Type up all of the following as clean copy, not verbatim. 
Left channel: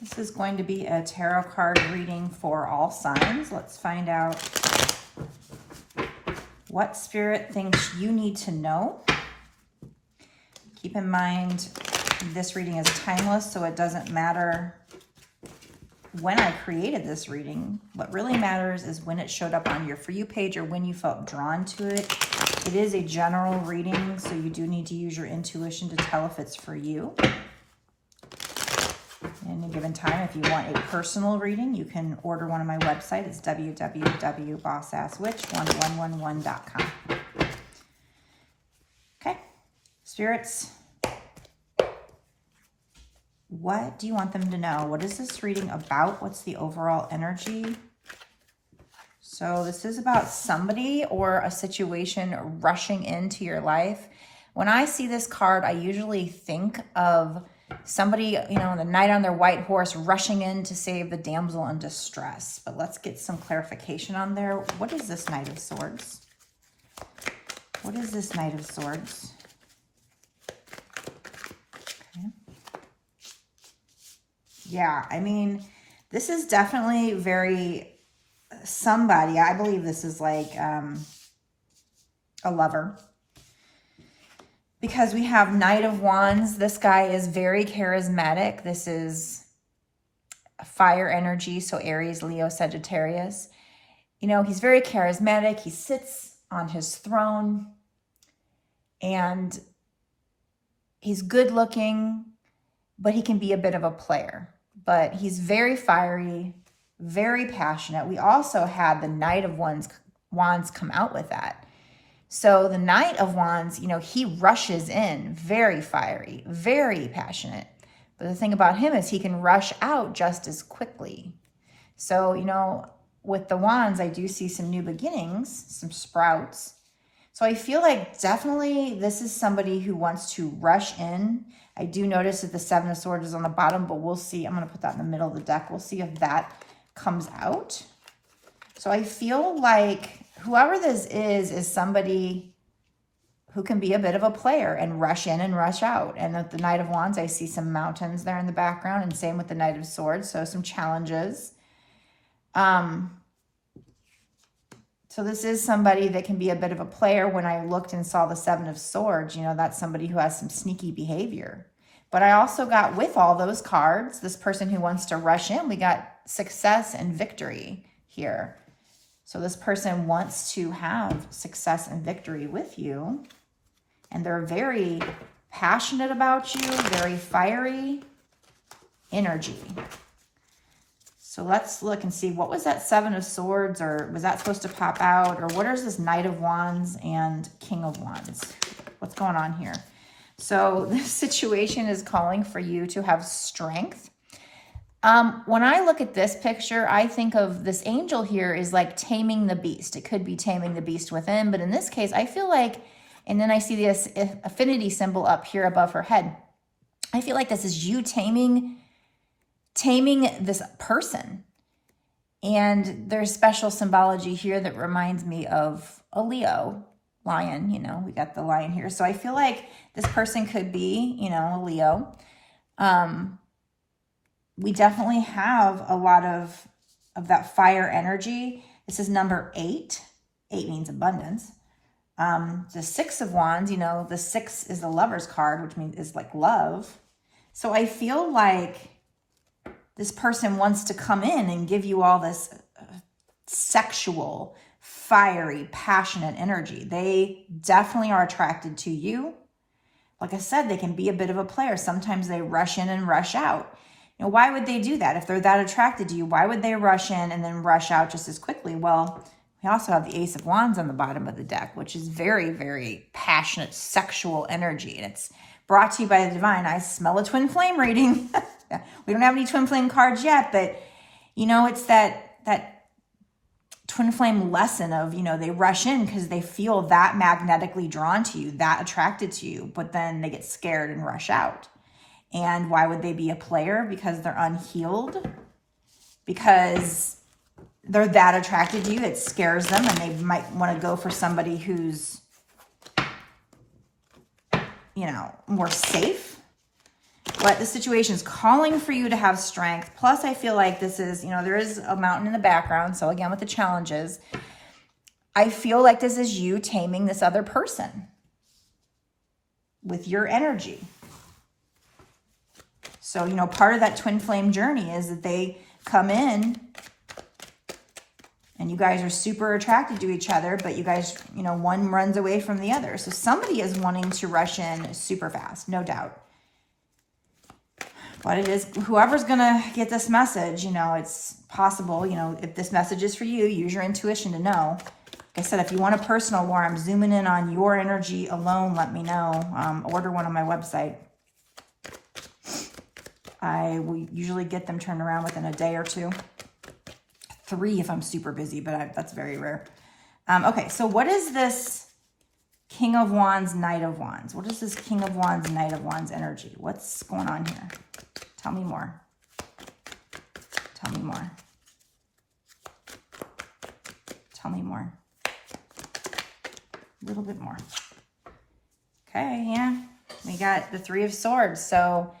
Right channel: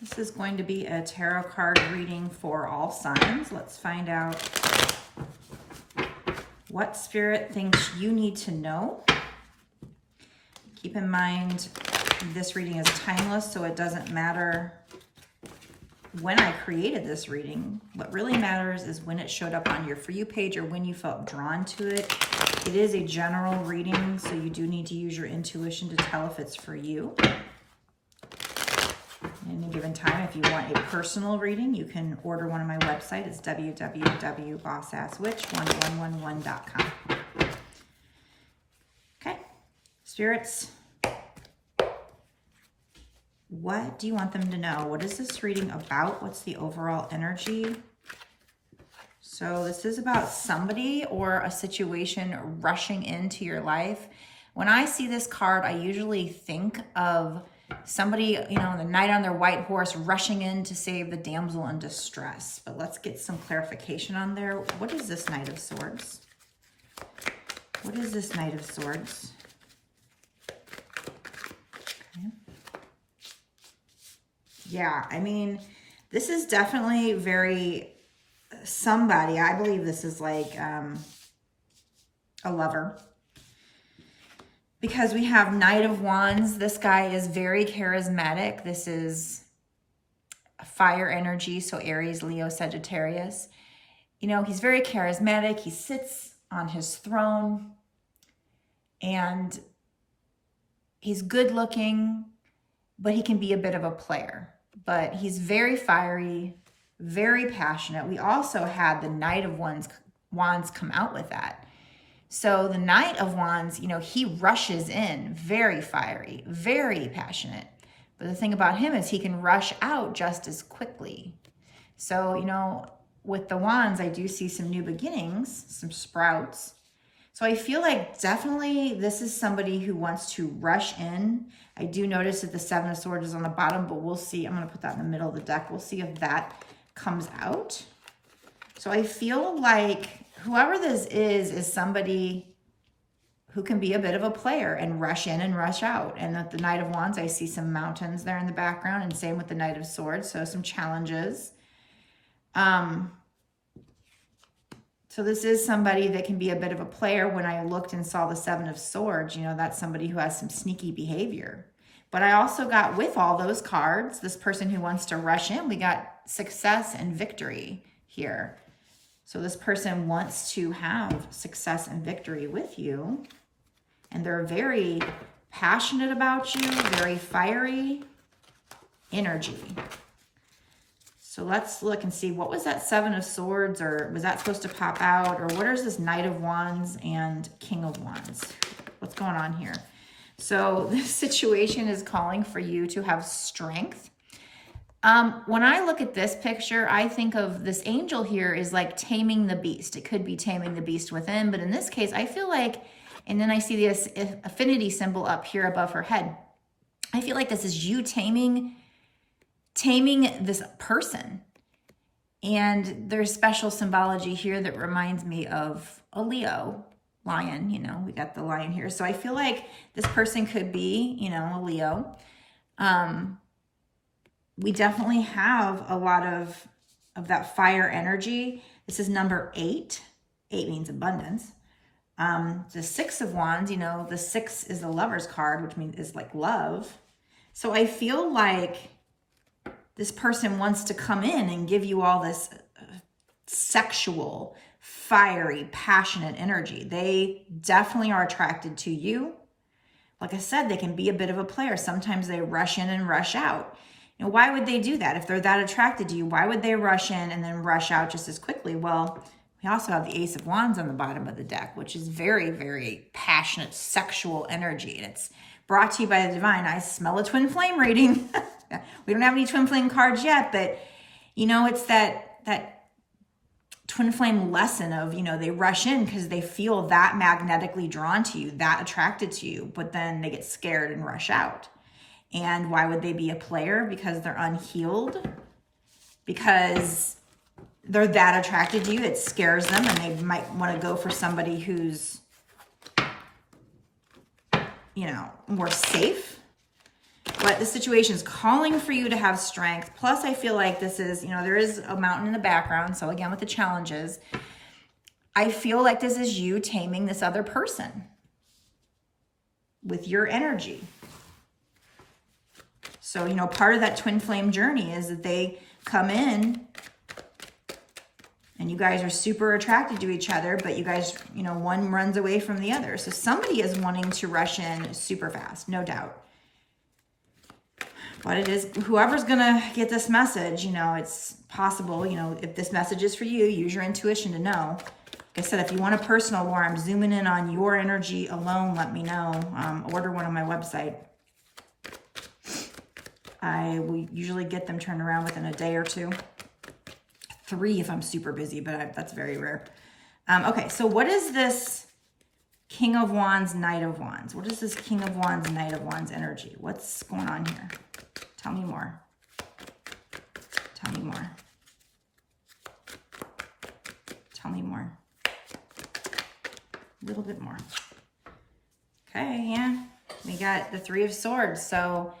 This is going to be a tarot card reading for all signs. Let's find out what Spirit thinks you need to know. Keep in mind, this reading is timeless, so it doesn't matter when I created this reading. What really matters is when it showed up on your For You page or when you felt drawn to it. It is a general reading, so you do need to use your intuition to tell if it's for you. At any given time, if you want a personal reading, you can order one on my website. It's www.bossasswitch1111.com. Okay, Spirits, what do you want them to know? What is this reading about? What's the overall energy? So this is about somebody or a situation rushing into your life. When I see this card, I usually think of somebody, you know, the knight on their white horse rushing in to save the damsel in distress. But let's get some clarification on there. What is this Knight of Swords? What is this Knight of Swords? Okay. Yeah, I mean, this is definitely very somebody. I believe this is like a lover. Because we have Knight of Wands. This guy is very charismatic. This is fire energy, so Aries, Leo, Sagittarius. You know, he's very charismatic. He sits on his throne. And he's good looking, but he can be a bit of a player. But he's very fiery, very passionate. We also had the Knight of Wands come out with that. So the Knight of Wands, you know, he rushes in, very fiery, very passionate. But the thing about him is he can rush out just as quickly. So, you know, with the Wands, I do see some new beginnings, some sprouts. So I feel like definitely this is somebody who wants to rush in. I do notice that the Seven of Swords is on the bottom, but we'll see. I'm going to put that in the middle of the deck. We'll see if that comes out. So I feel like whoever this is somebody who can be a bit of a player and rush in and rush out. And with the Knight of Wands, I see some mountains there in the background, and same with the Knight of Swords, so some challenges. So this is somebody that can be a bit of a player. When I looked and saw the Seven of Swords, you know, that's somebody who has some sneaky behavior. But I also got, with all those cards, this person who wants to rush in, we got success and victory here. So this person wants to have success and victory with you. And they're very passionate about you, very fiery energy. So let's look and see, what was that Seven of Swords, or was that supposed to pop out? Or what is this Knight of Wands and King of Wands? What's going on here? So this situation is calling for you to have strength. When I look at this picture, I think of this angel here is like taming the beast. It could be taming the beast within, but in this case, I feel like, and then I see this affinity symbol up here above her head. I feel like this is you taming this person. And there's special symbology here that reminds me of a Leo lion. You know, we got the lion here. So I feel like this person could be, you know, a Leo. We definitely have a lot of that fire energy. This is number 8. 8 means abundance. The Six of Wands, you know, the 6 is the Lover's card, which means is like love. So I feel like this person wants to come in and give you all this sexual, fiery, passionate energy. They definitely are attracted to you. Like I said, they can be a bit of a player. Sometimes they rush in and rush out. You know, why would they do that? If they're that attracted to you, why would they rush in and then rush out just as quickly? Well, we also have the Ace of Wands on the bottom of the deck, which is very, very passionate, sexual energy. And it's brought to you by the Divine. I smell a twin flame reading. We don't have any twin flame cards yet, but, you know, it's that twin flame lesson of, you know, they rush in because they feel that magnetically drawn to you, that attracted to you, but then they get scared and rush out. And why would they be a player? Because they're unhealed, because they're that attracted to you. It scares them, and they might want to go for somebody who's, you know, more safe. But the situation is calling for you to have strength. Plus, I feel like this is, you know, there is a mountain in the background. So again, with the challenges, I feel like this is you taming this other person with your energy. So, you know, part of that twin flame journey is that they come in and you guys are super attracted to each other, but you guys, you know, one runs away from the other. So somebody is wanting to rush in super fast, no doubt. But it is, whoever's going to get this message, you know, it's possible, you know, if this message is for you, use your intuition to know. Like I said, if you want a personal war, I'm zooming in on your energy alone, let me know. Order one on my website. I will usually get them turned around within a day or two. 3 if I'm super busy, but that's very rare. Okay, so what is this King of Wands, Knight of Wands? What is this King of Wands, Knight of Wands energy? What's going on here? Tell me more. Tell me more. Tell me more. A little bit more. Okay, yeah. We got the 3 of Swords. So,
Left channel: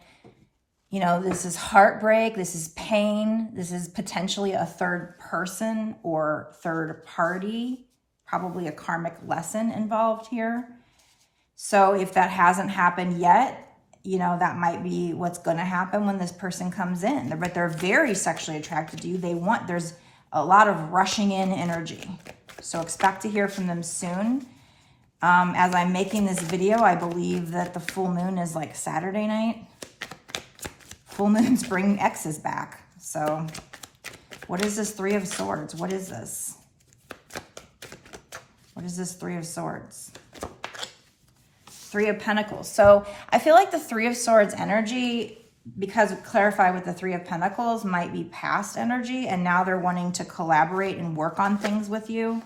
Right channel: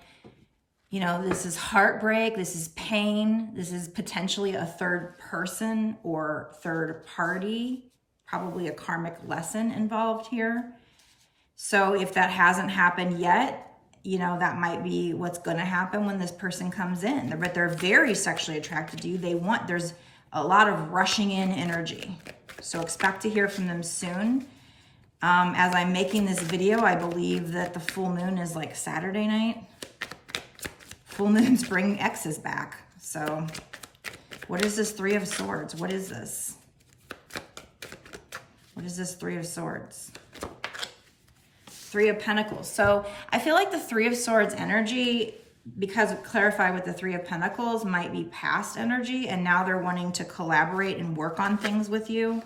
you know, this is heartbreak, this is pain, this is potentially a third person or third party, probably a karmic lesson involved here. So if that hasn't happened yet, you know, that might be what's going to happen when this person comes in. But they're very sexually attracted to you. There's a lot of rushing in energy. So expect to hear from them soon. As I'm making this video, I believe that the full moon is like Saturday night. Full moons bring exes back. So what is this 3 of Swords? What is this? What is this 3 of Swords? 3 of Pentacles. So I feel like the 3 of Swords energy, because it clarified with the 3 of Pentacles, might be past energy. And now they're wanting to collaborate and work on things with you.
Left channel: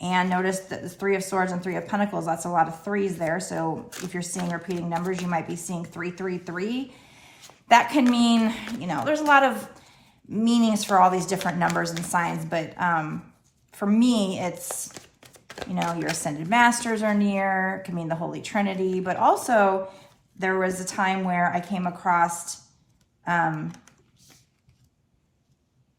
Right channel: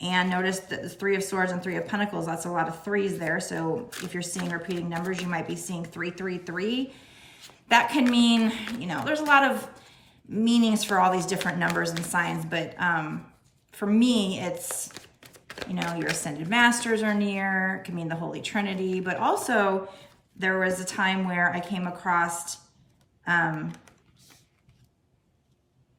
And notice that the 3 of Swords and 3 of Pentacles, that's a lot of 3s there. So if you're seeing repeating numbers, you might be seeing 3, 3, 3. That can mean, you know, there's a lot of meanings for all these different numbers and signs. But for me, it's, you know, your ascended masters are near. It can mean the Holy Trinity. But also, there was a time where I came across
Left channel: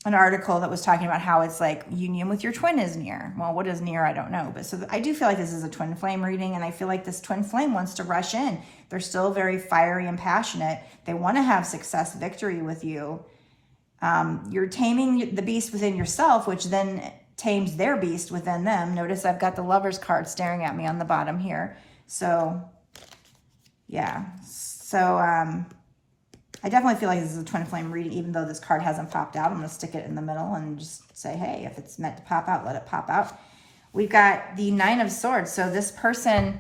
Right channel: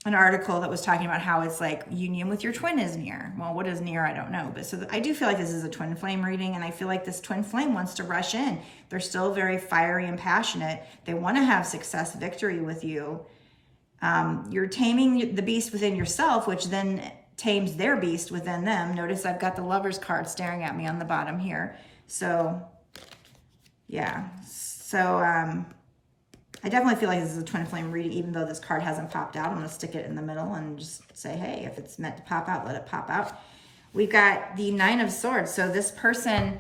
an article that was talking about how it's like union with your twin is near. Well, what is near? I don't know. But so I do feel like this is a twin flame reading, and I feel like this twin flame wants to rush in. They're still very fiery and passionate. They want to have success, victory with you. You're taming the beast within yourself, which then tames their beast within them. Notice I've got the Lover's card staring at me on the bottom here. So, yeah. So, I definitely feel like this is a twin flame reading, even though this card hasn't popped out. I'm going to stick it in the middle and just say, hey, if it's meant to pop out, let it pop out. We've got the 9 of Swords. So this person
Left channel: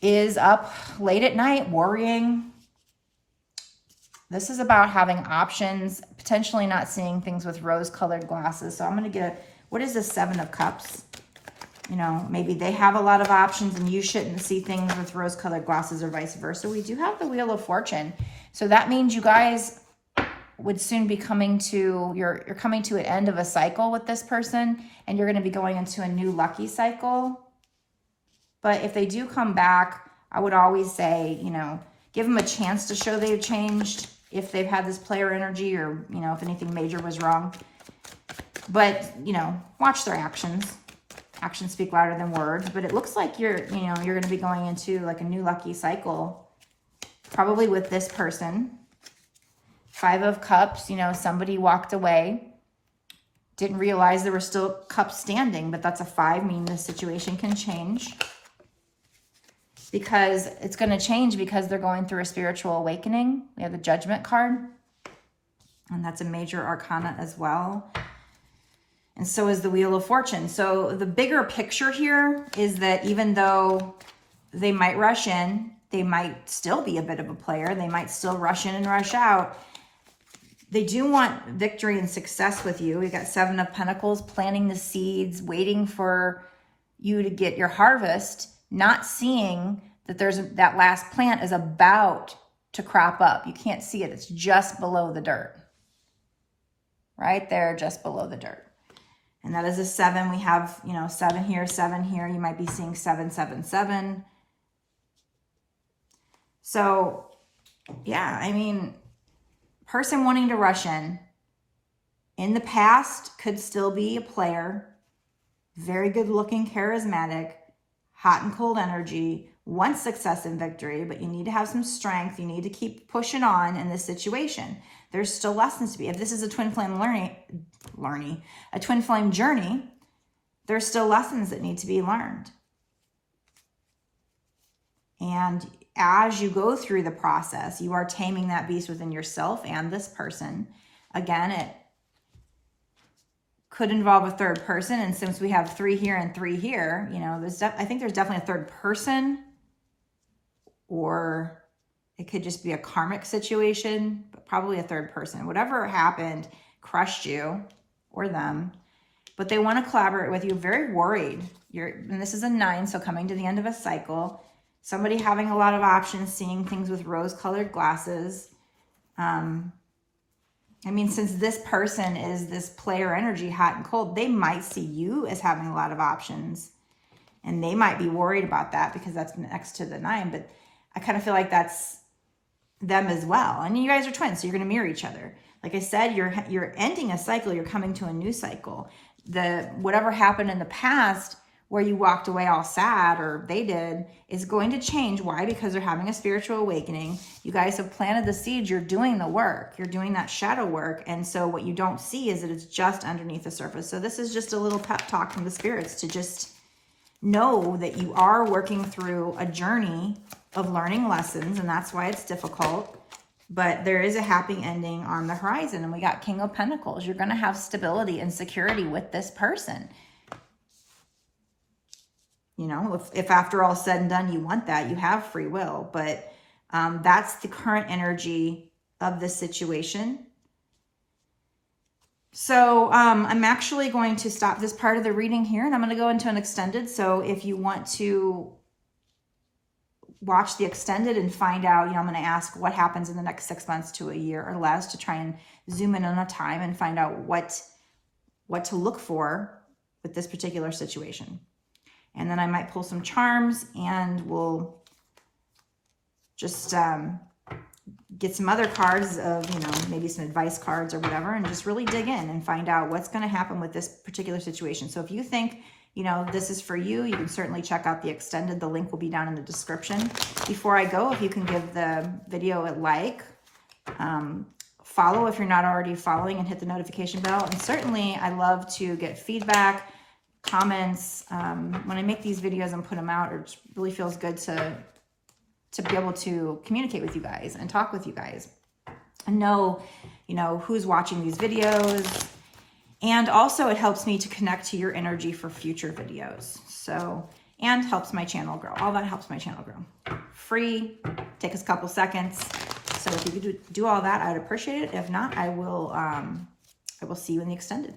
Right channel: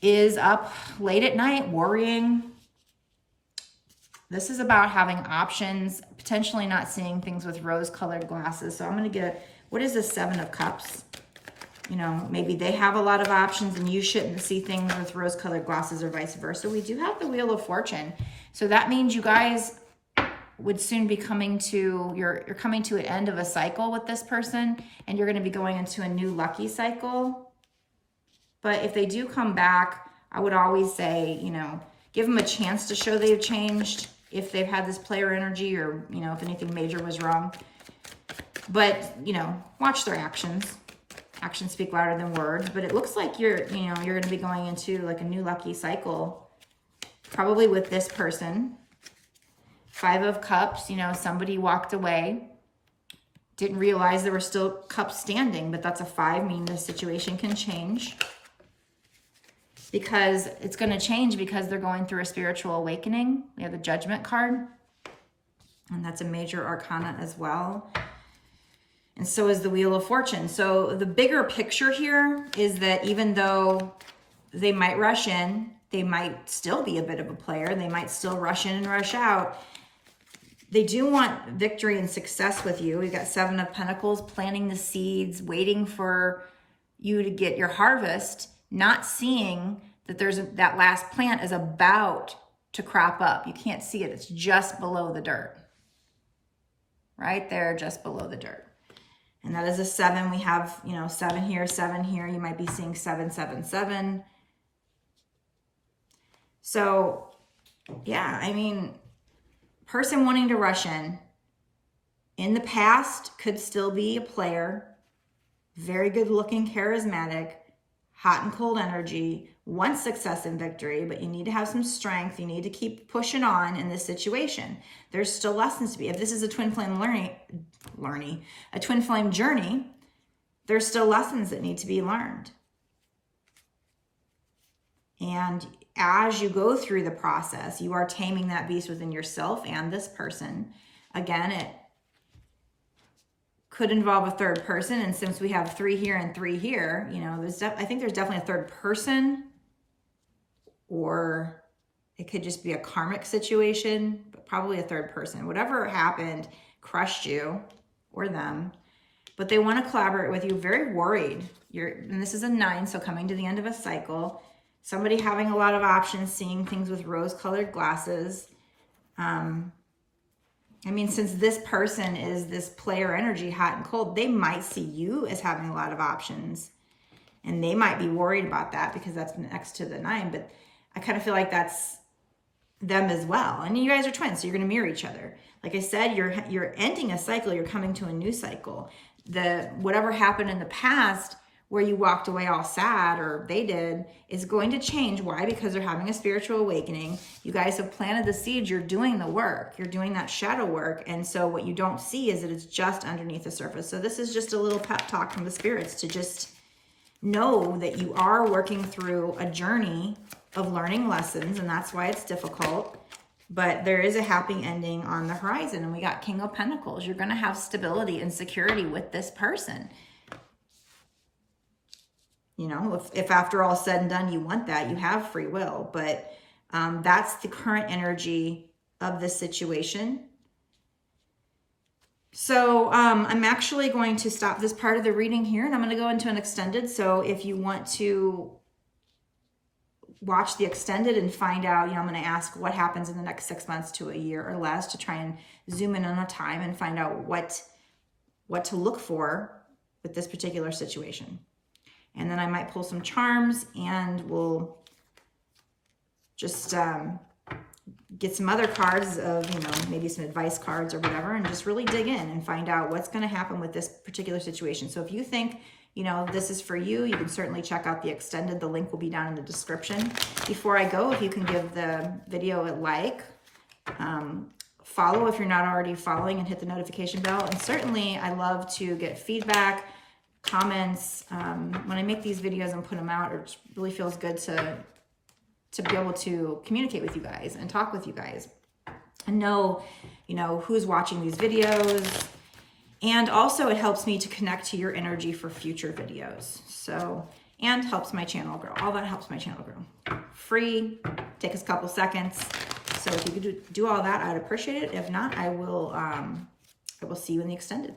is up late at night worrying. This is about having options, potentially not seeing things with rose-colored glasses. So I'm going to get, what is the 7 of Cups? You know, maybe they have a lot of options and you shouldn't see things with rose-colored glasses or vice versa. We do have the Wheel of Fortune. So that means you guys would soon be coming to, you're coming to an end of a cycle with this person, and you're going to be going into a new lucky cycle. But if they do come back, I would always say, you know, give them a chance to show they've changed if they've had this player energy, or, you know, if anything major was wrong. But, you know, watch their actions. Actions speak louder than words. But it looks like you're going to be going into like a new lucky cycle, probably with this person. 5 of Cups, you know, somebody walked away, didn't realize there were still cups standing, but that's a 5, meaning the situation can change. Because it's going to change because they're going through a spiritual awakening. We have the Judgment card, and that's a major arcana as well. And so is the Wheel of Fortune. So the bigger picture here is that even though they might rush in, they might still be a bit of a player. They might still rush in and rush out. They do want victory and success with you. We got 7 of Pentacles, planting the seeds, waiting for you to get your harvest, not seeing that that last plant is about to crop up. You can't see it. It's just below the dirt. Right there, just below the dirt. And that is a 7. We have, you know, 7 here, 7 here. You might be seeing 7, 7, 7. So Yeah, I mean, person wanting to rush in the past could still be a player, very good looking, charismatic, hot and cold energy, wants success and victory, but you need to have some strength. You need to keep pushing on in this situation. There's still lessons to be. If this is a twin flame a twin flame journey, there's still lessons that need to be learned. And as you go through the process, you are taming that beast within yourself and this person. Again, it could involve a third person. And since we have 3 here and 3 here, you know, I think there's definitely a third person, or it could just be a karmic situation, but probably a third person. Whatever happened crushed you or them, but they want to collaborate with you. Very worried. And this is a 9, so coming to the end of a cycle. Somebody having a lot of options, seeing things with rose-colored glasses. I mean, since this person is this player energy, hot and cold, they might see you as having a lot of options. And they might be worried about that because that's next to the 9. But I kind of feel like that's them as well. And you guys are twins, so you're going to mirror each other. Like I said, you're ending a cycle. You're coming to a new cycle. Whatever happened in the past where you walked away all sad, or they did, is going to change. Why? Because they're having a spiritual awakening. You guys have planted the seeds. You're doing the work. You're doing that shadow work. And so what you don't see is that it's just underneath the surface. So this is just a little pep talk from the spirits to just know that you are working through a journey of learning lessons, and that's why it's difficult. But there is a happy ending on the horizon. And we got King of Pentacles. You're going to have stability and security with this person. You know, if after all said and done, you want that, you have free will. But that's the current energy of this situation. So I'm actually going to stop this part of the reading here, and I'm going to go into an extended. So if you want to watch the extended and find out, you know, I'm going to ask what happens in the next 6 months to a year or less, to try and zoom in on a time and find out what to look for with this particular situation. And then I might pull some charms, and we'll just get some other cards of, you know, maybe some advice cards or whatever, and just really dig in and find out what's going to happen with this particular situation. So if you think, you know, this is for you, you can certainly check out the extended. The link will be down in the description. Before I go, if you can give the video a like, follow if you're not already following, and hit the notification bell. And certainly I love to get feedback, comments. When I make these videos and put them out, it really feels good to be able to communicate with you guys and talk with you guys and know, you know, who's watching these videos. And also it helps me to connect to your energy for future videos. So, and helps my channel grow. All that helps my channel grow. Free, take us a couple seconds. So if you could do all that, I'd appreciate it. If not, I will see you in the extended.